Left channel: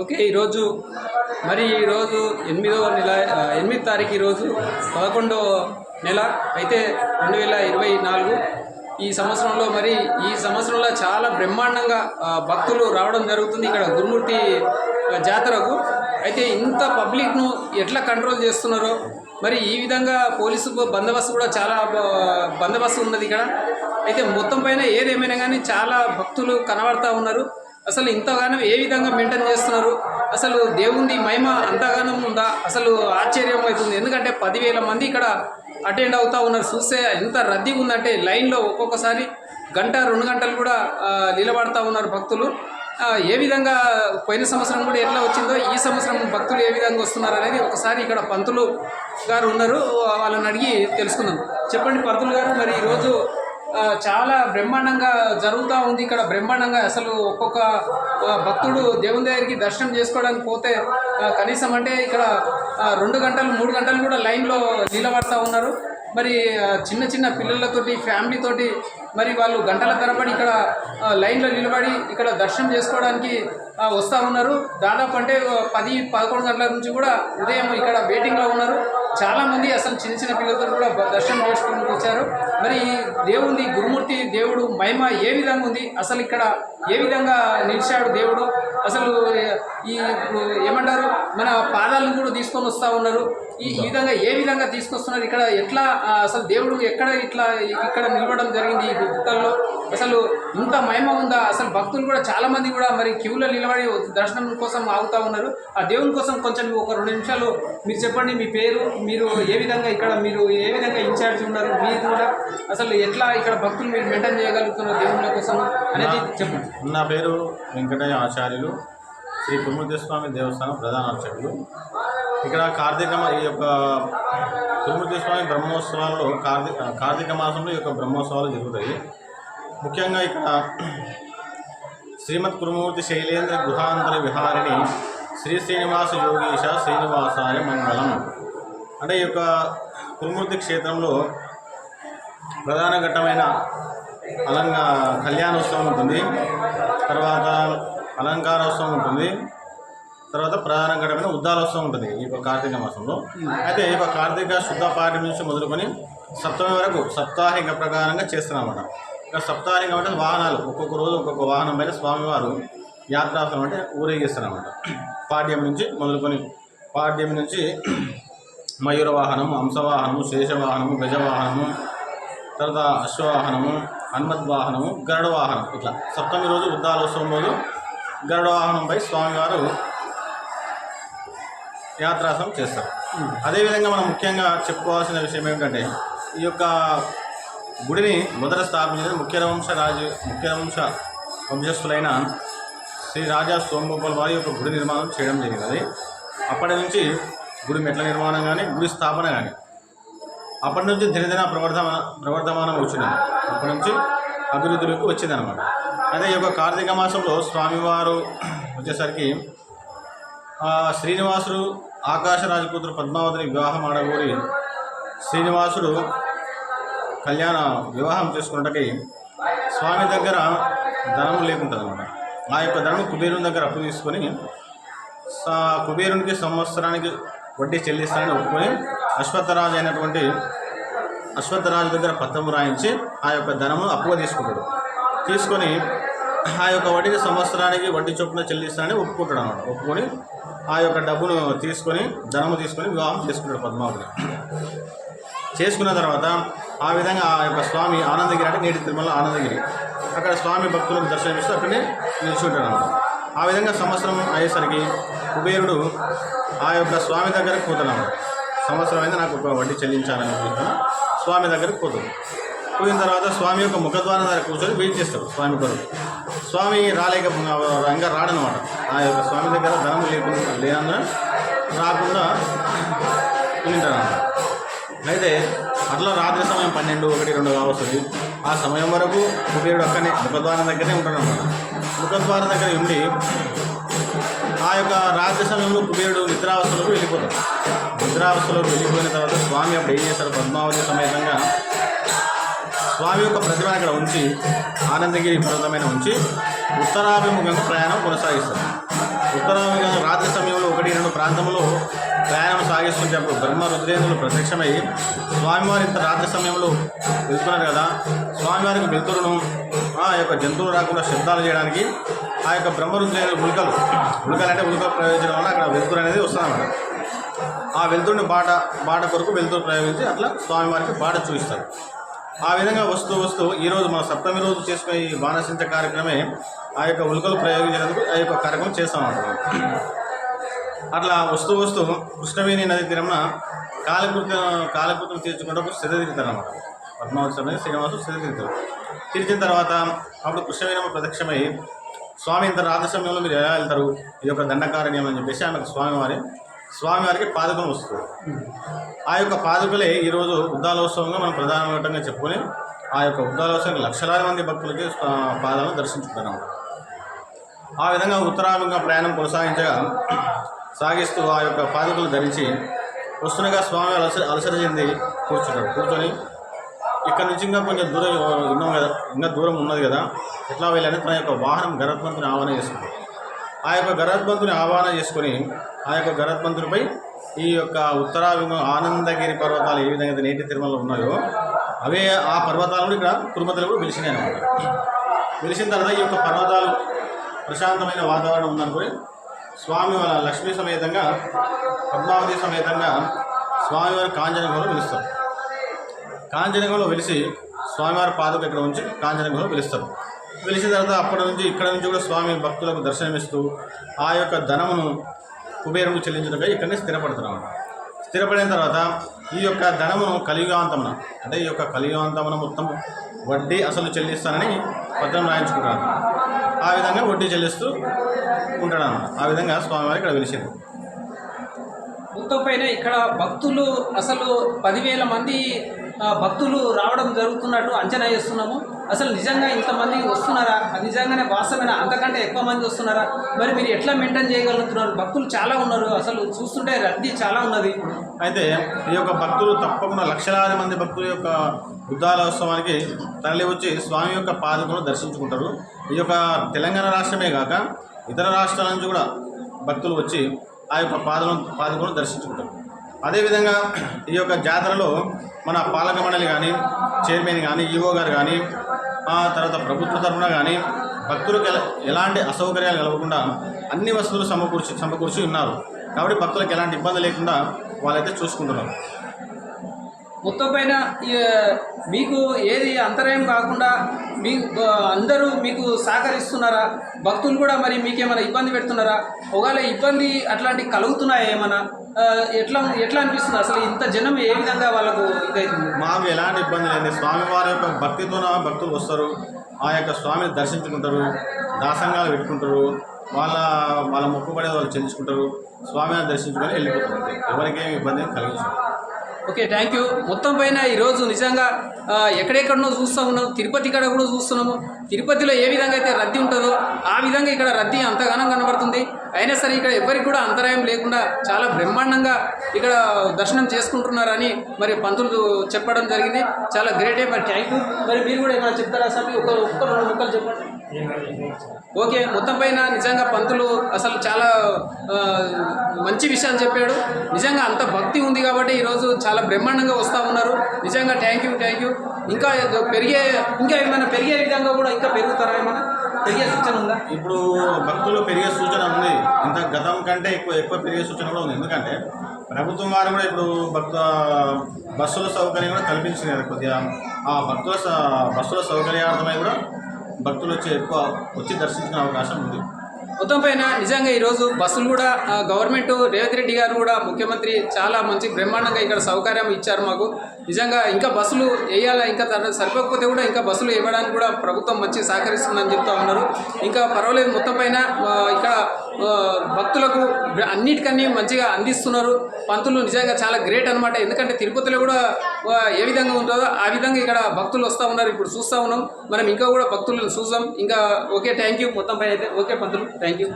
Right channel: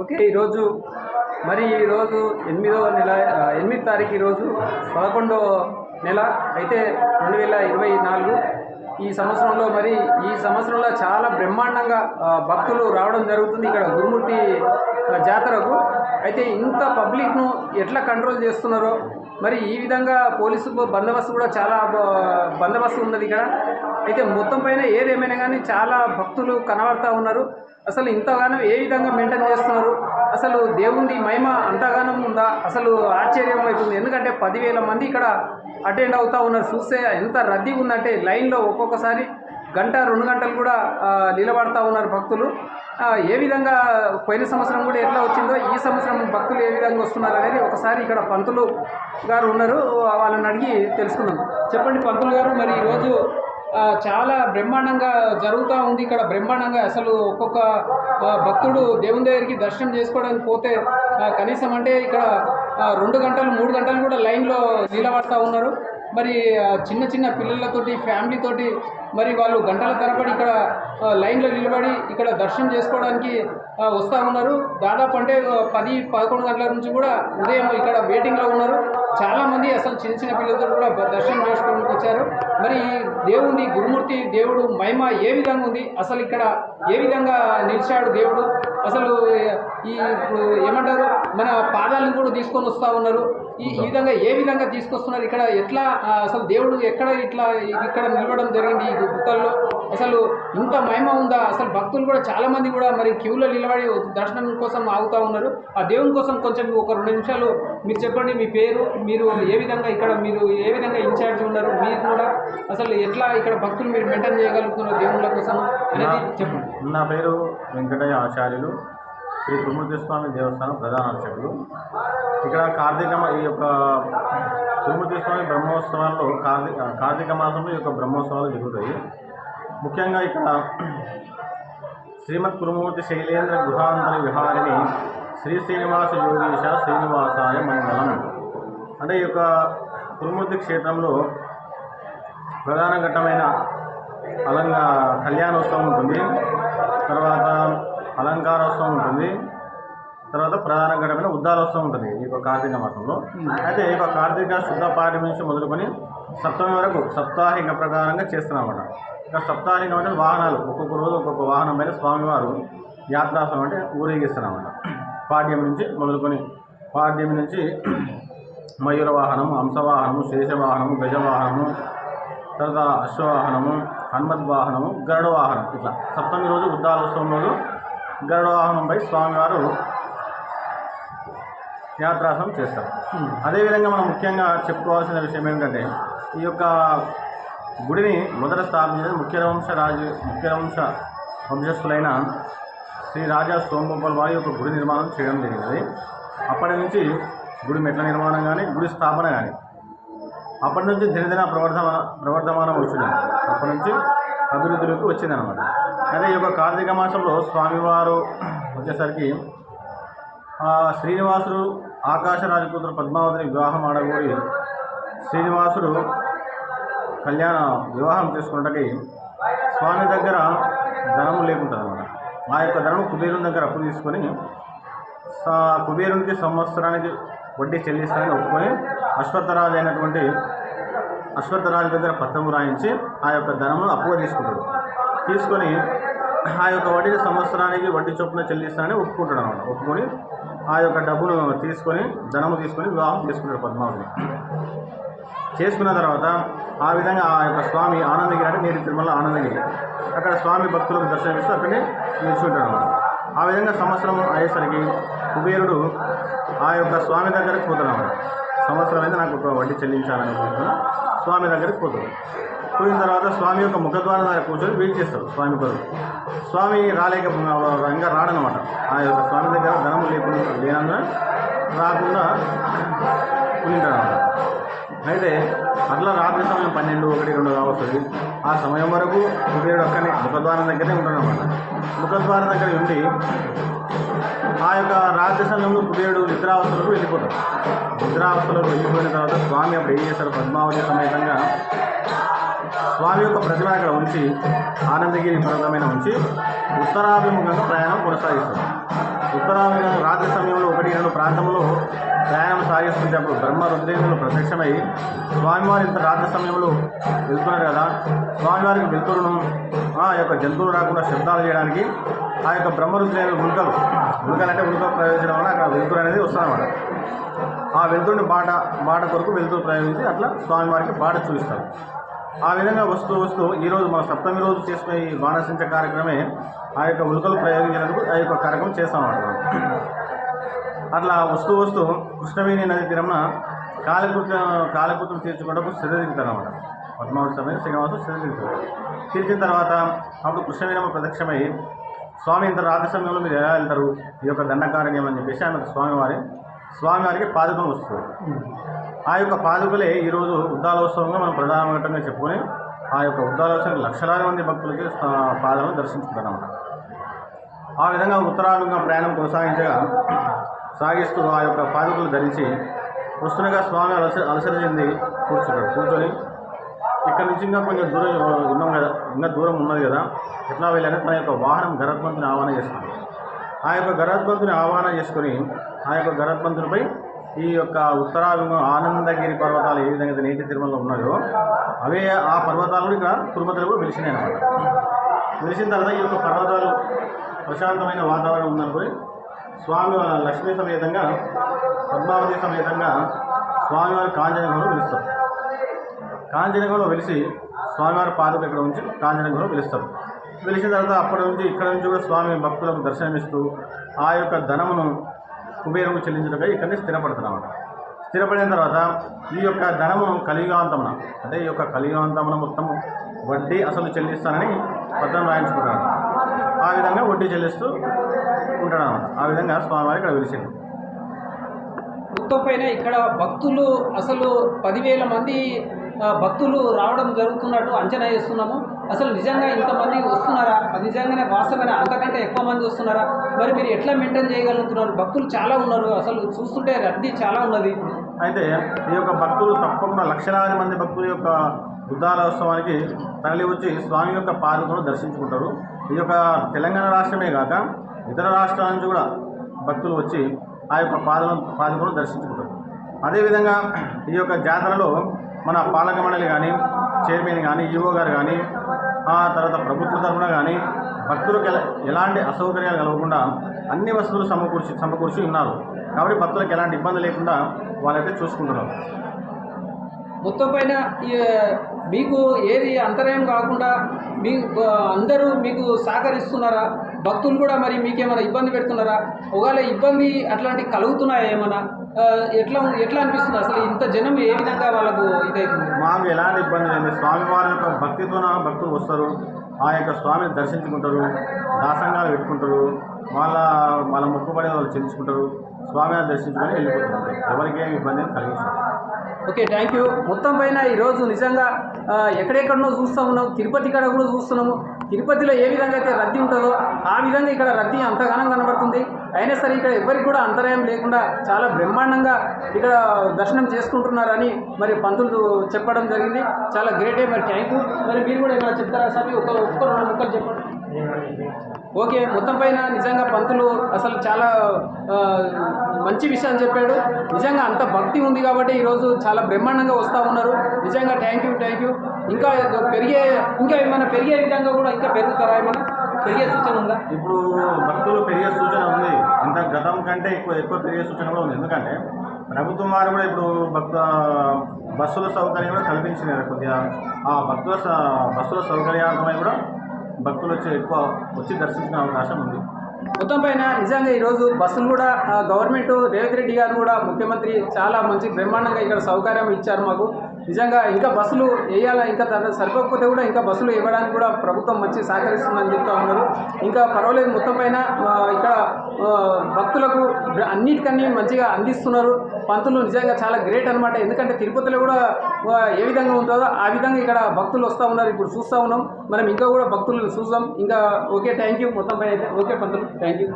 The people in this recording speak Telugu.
ఓకే. ఈరోజు 8వ నెల 8 తారీఖు ఈరోజు 11వ నెల అయితే 2024 ఈ సంవత్సరంలో చాలా బ్రహ్మాండంగా భక్తులు రావడం జరుగుతుంది ఇక్కడ గురుమూర్తి జాతరకు. అయితే ఇంత పబ్లిక్ను ఎట్లా కంట్రోల్ చేస్తున్నారో మరి ఈ విధంగా పోలీసు బందోబస్తు కూడా చాలా బందోబస్తు ఉన్నది ఇక్కడ. అయితే మొత్తం పైన ఏదేమైనా కానీ చాలా భక్తులు కనబడతా ఉన్నారు. అసలు ఇంతగానో ఏ విధంగా మెయింటైన్ చేస్తున్నారు, అసలు దేవుని మహిమ అంతగానం ఉందా, అసలు ఆశ్చర్యం అవుతుంది. ఎందుకంటే 10,000 మంది ఇక్కడ అటెండ్ అవుతూ ఉన్నారు. చూస్తే ఎంత రద్దీగా ఉందంటే లైన్లో ఒక్కొక్కసారి గంట 2 గంటలు కూడా నిలబడతా ఉన్నారు భక్తులు. ఏ విధంగా పోయిన సంవత్సరం కూడా ఎట్లా వచ్చిందో ఈ సంవత్సరం భక్తులు ఏ విధంగా వస్తున్నారు అనేది ఒకసారి ఇక్కడ పంతులు గారు ఉన్నారు, వాళ్ళని అడిగి తెలుసుకుందాం. చెప్పండి పంతులు గారు, మరి ఈరోజు చాలా బ్రహ్మాండంగా జరుగుతూ ఉంది ఇక్కడ. బ్రహ్మాండంగా అసలు ఒక్కొక్క భక్తుడు దేవుని దగ్గరికి దర్శనం చేసుకోవడానికి పోతే కనీసం అంటే ఇక్కడ 2 గంటలు 3 గంటలు కూడా లైన్లో నిలబడతా ఉన్నారు. మరి చిన్న చిన్న పిల్లలతోటి ఫ్యామిలీతోటి మరి వాళ్ళు గంటల తరబడి ఇక్కడ లైన్లో నిలబడి ఇక్కడ దర్శనం చేసుకోవడానికి వస్తూ ఉన్నారు. దాదాపు అంటే 10-11 గంటల నుంచి కూడా ఉదయం ఇక్కడ వెయిటింగ్లో ఉన్నారు. చాలామంది అసలు చిన్న చిన్న పిల్లలతో కూడా దర్శనం చేసుకోవడానికి వచ్చారు. మరి ఈ దేవుని గురుమూర్తి దేవుడు మహిమ ఏ విధంగా ఉంది, అసలు ఇక్కడ ఏ విధంగా నిలిచాడు దేవుడు, అసలు ఈ ఏమంటారు మన పాదాలను కూడా తీసుకొని వస్తూ ఉన్నారు. ఈ విధంగా ఏ విధంగా తీసుకొస్తున్నారు, ఇక్కడ ఎట్లా అసలు దేవుడు ఇక్కడ నిలబడడం జరిగింది ఈ గుట్టల్లో, అసలు ఇంత మహిమ ఉందా, అసలు భక్తులు కూడా చాలామంది కూడా మరి క్యూలో నిలబడి దర్శనం కోసం ఆగుతూ ఉన్నారు. ఆ దేవుని కోసం కొంచెం ఒక 2 నిమిషాలు మీరు చెప్పండి. మీ పేరు, మీరు ఏ విధంగా ఇన్ఛార్జ్ ఉన్నారు, మీరు కూడా అసలు ఎట్లా ఇక్కడ భక్తులు మీరు మెయింటైన్ చేయగలుగుతున్నారు దేవుళ్ళ కోసం అనేది చెప్పండి. నా పేరు వెంకటయ్య ఆచార్యులు, శ్రీ గురుమూర్తి స్వామి దేవస్థానం ప్రధాన అర్చకులు. ఇక్కడ ఈ యొక్క గురుమూర్తి స్వామి బ్రహ్మోత్సవాల్లో కార్తీక మాసంలో ఈ యొక్క బ్రహ్మోత్సవాలు జరుగుతాయి. ముఖ్యంగా ఇక్కడ శ్రీమద్ గురుమూర్తి శైలేంద్ర గృహాంతర విహారిణి శ్రీ శ్రీనివాస యోగీశ శ్రీనివాసాయ మంగళం అంటే ఈ యొక్క గురుమూర్తి క్షేత్రంలో ప్రధాన ఘట్టమైన కళ్యాణోత్సవం ఉంటుంది, తర్వాత అలంకారోత్సవం ఉంటుంది, తర్వాత ప్రధాన ఘట్టమైన ఉద్దారోత్సవం ఉంటుంది ఈ యొక్క కార్తీక మాసంలో. అయితే ఈ యొక్క కార్తీక శుద్ధ పాఠ్యం నుంచి మొదలుకొని సప్తమి వరకు సప్తాహిక ప్రకారంగా చేస్తున్నామన్నమాట. ఇక సప్తాహికం అంటే వాహనాలు, ఒక్కొక్క రోజు ఒక్కొక్క వాహనం పైన స్వామివారు యాత్రాసనం అంటే ఊరేగిస్తారన్నమాట. పాడ్యం నుంచి మొదలుకొని మయూర వాహనము, హంసవాహనము, శేషవాహనము, గజవాహనము, తర్వాత అశ్వవాహనము, హనుమద్వాహనము, గరుడ వాహనం, ఇట్లా సప్తమి రోజు ఉద్దారోత్సవం రోజు గరుడ వాహనంపై స్వామివారు యాత్రాసనం చేస్తారు. అదేవిధంగా మనం ముఖ్యంగా చెప్పుకోవాల్సిన విషయం ఏమిటంటే ఈ యొక్క గుడిని మొదట స్థాపించినది ముఖ్యవంశ వంశస్థులైన శ్రీ రాజా సోమగోపాల్ వారి యొక్క గుడి నిర్మాణం చేయడం జరిగినది. అప్పటి నుంచి గుడి మెట్ల నిర్మాణం కానీ గుడి స్థాపన కానీ అప్పటి నుంచి దినదిన ప్రవర్ధమానం వచ్చింది, అప్పటి నుంచి అభివృద్ధిలోకి వచ్చిందనమాట. అదే ఈ యొక్క కార్తీక మాసంలో స్వామివారు వచ్చేసరికి శ్రీనివాసుడు ఆకాశరాజపుత్ర పద్మావతిని వివాహం ఆడగోరి శ్రీనివాసుడు వివాహం చేసుకున్నట్టుకి స్వామి దగ్గర ధనము లేకుంటుంది అనమాట. ఆ యొక్క ధనము కుబేరుని దగ్గర అప్పు తీసుకొని కుబేరునికి సంవత్సరానికి వడ్డీ చెల్లిస్తానని ఒప్పుకొని అశ్వత్థరాజు దగ్గర పత్రము రాయించి ఆ యొక్క ధనమును అప్పుగా తీసుకొని ఆ యొక్క వడ్డీని సంవత్సరానికి వడ్డీ చొప్పున చెల్లిస్తానని ఒప్పుకుంటాడు అనమాట. ఒప్పుకొని ఆ యొక్క ధనము తీసుకొని వివాహం చేసుకుంటాడు పద్మావతిని. చేసుకున్న తర్వాత ఆ విధంగా ఆ యొక్క స్వామి ఆనందగిరి అంటే నేటి తిరుమల ఆనందగిరి, అక్కడ స్వామి భక్తులకు దర్శనమిస్తూ అక్కడిని నిల్చుంటాడు అనమాట. ఆ విధంగా సంవత్సరం అయ్యేసరికి కుబేరుడు ఆ యొక్క స్వామి దగ్గరికి పోతున్నాడు. సంవత్సరం అయితే నాకు ఒక వడ్డీ చెల్లించాలని అనుకుంటున్నా స్వామి దగ్గరికి పోతుంది. పోయిన తర్వాత స్వామి యొక్క ముఖద్వారం దగ్గర కూర్చొని వెయిట్ చేస్తాడు స్వామి కొరకు. స్వామి ఇంకా రాడనమాట. ఆ యొక్క స్వామి దగ్గర ధనము లేనందున రాకుండా ఉంటాడనమాట. అయితే అట్లా రాత్రి సమయం 12, 1, 2 కావస్తుంది. ఆ సమయం వరకు కుబేరుడు అక్కడనే ముఖద్వారం దగ్గరనే ఉంటాడనమాట. ముఖద్వారం దగ్గర ఉండి ఆ యొక్క రాత్రి సమయంలో కుబేరుడు నిద్రావస్థలోకి వెళ్ళిపోతాడు. నిద్రావస్థలోకి వెళ్ళిపోయిన తర్వాత స్వామి అప్పుడు ఏం చేశారు, పద్మావతి సమేతంగా స్వామి యొక్క ప్రతిమ అక్కడ ఉంచి ఆనందగిరి పర్వతమైన ఉంచి ఉత్తరాభిముఖంగా ప్రయాణం కొనసాగిస్తారు. ఉత్తరాభిగా రాత్రి సమయంలో 1-2 ప్రాంతంలో ప్రయాణం సాగిస్తుంటేప్పుడు బ్రహ్మ రుద్రేంద్రులు ప్రత్యక్షమై స్వామివారి ఇంత రాత్రి సమయంలో వెళ్తున్నారు కదా, స్వామివారికి వెలుతురును ఆ యొక్క జంతువులు రాకుండా శబ్దాలు చేయడానికి ఆ యొక్క బ్రహ్మ రుద్రేంద్రులు ఉల్కలు అంటే ఉల్క ప్రయోజనం వల్ల అక్కడ వెలుతురు అనేది వస్తుందన్నమాట. ఆ వెలుతురుని బాట కొరకు వెలుతురు ప్రయోగించి అట్లా స్వామివారికి బాట చూపిస్తారు. ఆ విధంగా వస్తూ ఈరోజు మన సప్తమి రోజు చేసుకునే ఈ బాణసించ కార్యక్రమే ఆ యొక్క ఉల్కలు ప్రయోగించినందుకు ఆ యొక్క కార్యక్రమం చేస్తామన్నమాట మనం. అట్లా వస్తూ కృష్ణవేణి నది తీరంన కాలకృతం తీర్చుకుంటూ స్థితి తిరుగుతారన్నమాట. పద్మావతి సమయం శ్రీనివాసు స్థితి తిరుగుతారు. తీర్చిన తర్వాత అప్పుడు కృష్ణవేణమ్మ ప్రత్యక్షమై స్వామి ఇంత రాత్రి సమయంలో మీరు ఎలా వెళ్తారు, ఈ యొక్క దండకారణ్యం అని చెప్పేసి ఆమెకు స్వామివారికి పాదుకం వస్తుంది. ఆ యొక్క పాదుకలే ఈరోజు ఉద్దాలోత్సవంగా మనం ప్రధానంగా చెప్పుకొని ఆ యొక్క ఉద్దాలోత్సవానికి లక్షలాది మంది భక్తులకి పాదాలను దర్శించుకుంటారన్నమాట. ఆ విధంగా ఉత్తరాభిముఖంగా ప్రయాణం సాగిస్తూ ఆ యొక్క పాదుకలు ధరించి వస్తుండగా స్వామి అలసట చెంది కూర్చొని ఇక్కడ నుంచి ఇంకా కొంచెం దూరం ఉన్నాం కదా, ఇంకా దూరం ఉన్నది కదా, ఎట్లా వెళ్ళాలని తన యొక్క వాహనం గరుత్మంతుని ఆహ్వాన చేసుకుంది. ఆ యొక్క గరుత్మంతుని ఆహ్వాన చేసుకొని ఆ యొక్క గరుత్మంతునిపై ఈ యొక్క ఉత్తరాభిముఖ ఆనందగిరి పర్వతాలు ఏ విధంగా అయితే నేటి తిరుమలలో ఉన్నాయో అవే ఆ పర్వతాలు కూడా ఇక్కడ తిరుపతిలో కూడా వెలిసినాయి అన్నమాట. వెలిసిన తర్వాత ఈ యొక్క పర్వతాలు ప్రశాంతమైన వాతావరణం ఉందనుకొని స్వామి వాళ్ళ లక్ష్మీ సమేతంగా పద్మావతి సమేతంగా స్వామివారి కాంచనగంలో వెలుస్తారు. కాంచనగంలో వెలిసి స్వామివారి పాదుక ఇక్కడ ఉంచి కాంచనగంలో వెలుస్తారు. వెలిసిన తర్వాత అప్పటి నుంచి ఇక్కడ నుంచి కూడా స్వామి భక్తులకు దర్శనమిస్తూ ఆ యొక్క ధనమును కుబేరుకు చెల్లించడంగా ఇక్కడనే స్థిరపడుతున్నాడు. స్థిరపడిన తర్వాత ఈ యొక్క ధనమును కలియుగాంతమున అంటే ఈ యొక్క కలియుగాంతమున మొత్తం వడ్డీ అసలు చెల్లిస్తానని పత్రం రాయించుకుంటాను. ఆ విధంగా వడ్డీ చెల్లిస్తూ ఉంటాడు అన్నమాట. ఆ విధంగా స్వామివారి ఇక్కడ వెలిసింది. మొత్తం పైన ఇక్కడ భక్తులు అసలు 10,000 మంది భక్తులు రావడం జరుగుతున్నట్టు అంచనా చేస్తున్నాము. అసలు నిజంగా ఇంతమంది వస్తున్నారా, నిజంగానే వాస్తవమైన అంతకంటే ఎక్కువ మంది వస్తున్నారా, మరి మీరు ఎట్లా మెయింటైన్ చేయగలుగుతున్నారు? భక్తులు చాలా ఉన్నారు, అసలు చూస్తుంటే రద్దీ చాలా ఉన్నది. అయితే ఈ యొక్క భక్తులు తప్పకుండా లక్షలాది మంది భక్తుల యొక్క ఉద్దాలోత్సవానికి తరలి వచ్చి స్వామి యొక్క పాదుకను దర్శించుకుంటారు. ఈ యొక్క తెలంగాణ రాష్ట్రమే కాక ఇతర రాష్ట్రాల నుంచి కూడా భక్తులు వచ్చి ఆ యొక్క పాదుకను దర్శించుకుంటారు. అదేవిధంగా ఈ యొక్క జాతరలో మన పాలక మండలి కానీ, చైర్మన్ కానీ, ఈవో గారు కానీ, తర్వాత ప్రభుత్వ తరఫున కానీ భక్తులకు ఎలాంటి అసౌకర్యాలు కలగకుండా అన్ని వస్తువులు సమకూర్చి ఉన్నారు. కాబట్టి భక్తులకు ఎలాంటి ఇబ్బంది లేకుండా వాళ్ళైతే చూసుకుంటున్నారు. మొత్తం పైన మీకు ఏది అంతరాయం కాకుండా అందరూ మీకు సహకరిస్తున్నారా? భక్తులు కూడా మరి మీకేమైనా ఇబ్బంది పెడుతున్నారా? ఒకవేళ ఇబ్బంది అట్లాంటివి కలుగుతున్నాయా ఏమైనా? ఎట్లా అనిపిస్తుంది అసలు ఇంత జనం ఏ విధంగా వాళ్ళకు ఇదవుతుంది? మాకు ఎలాంటి ఇబ్బంది లేదు. స్వామివారి యొక్క భక్తితోన భక్తులు వస్తారు, ఆ యొక్క స్వామిని దర్శించుకుంటారు, దాసంగాలు పెట్టుకుంటారు, వాళ్ళ మొక్కుబడి వాళ్ళు చెల్లించుకుంటారు, స్వామిని దర్శించుకొని వెళ్ళిపోతారు. ఎవరికేమి ఇబ్బంది కలిగించారు. Okay, thank you. మొత్తం పైన ఈరోజు నిజంగా ఎక్కడెక్కడనో చూస్తూ ఉన్నాము, తిరుపతి కాడ కూడా చూస్తున్నాము. తిరుపతిలో ఏ విధంగా అయితే రద్దీ ఉంటుందో ఆ విధంగా ఇక్కడ రద్దీ అంతగానం కనబడుతుంది. అయినా సరే ఇక్కడ ఎవరికి కూడా అంతరాయం లేకుండా చాలా బ్రహ్మాండంగా ఇక్కడ దర్శనం చేసుకుంటున్నారని మరి పంతులు చెప్పడం జరిగింది. చాలా గ్రేటే. మరి థ్యాంక్ యూ. మరి మీరు కూడా ఏమైనా చెప్తారా సార్? ఒక్క 2 ముక్కలు చెప్పండి. ఓకే, మొత్తం పైన నిజంగా పంతులు అసలు చాలా మంచి విషయాలు చెప్పాడు. నిజంగా అంత భక్తి ఉంది కాబట్టి ఈరోజు చాలా బ్రహ్మాండంగా వస్తూ ఉన్నారు. నిజంగా థ్యాంక్ యూ. ఇంకా ఏమైనా పెరిగే విధంగా కూడా ఇంకా పెరుగుతారా? ఏమైనా పెరిగే సూచన ఉందా? ఇప్పుడు భక్తులు పెరిగే సూచన ఉంది. ఇంత గతం కంటే ఎక్కువ పెరిగే సూచన కూడా ఉంది. ఎందుకంటే ప్రభుత్వం వారు కూడా ఇప్పుడు బస్సుల సౌకర్యం కూడా కల్పించినారు. కొద్దిగా ఆ బస్సుల సౌకర్యార్థమై కూడా భక్తులు వచ్చి దర్శించుకునే అవకాశం ఉంది. మొత్తం పైన నిజంగా ఈరోజు బస్సులు కూడా గవర్నమెంట్ రేవంత్ రెడ్డి గారు కూడా ముఖ్యమంత్రి చాలా మంచి బ్రహ్మాండంగా ఇక్కడ సౌకర్యం ఇచ్చారు మాకు. నిజంగా ఇంకా బస్సులు వేయాలా, ఇంకా సరిపోకపోతే కూడా ఇంకా బస్సులు ఇవ్వడానికి కూడా ప్రభుత్వం మంచి సహకరిస్తుందని చెప్తూ ఉన్నారు. ఇంకా పర్వాలేదు. మొత్తం పైన ఇక్కడ భక్తులకు అన్నిటికన్నీ మంచిగా అందిస్తున్నారు. పంతులు నిజంగా చాలా గ్రేట్ అనమాట. ఎందుకంటే తిరుపతిలో కూడా ఏ విధంగా ఉంటుందో ఆ విధంగా ఇక్కడ భక్తులు వస్తూ ఉన్నారు. ఇప్పుడు చూస్తూ ఉన్నాం మనం, ఇంకా కూడా భక్తులను చూసాం ఇంకా. Okay, thank you. మొత్తం పైన అయితే ఓకే పంతులు, థ్యాంక్ యూ.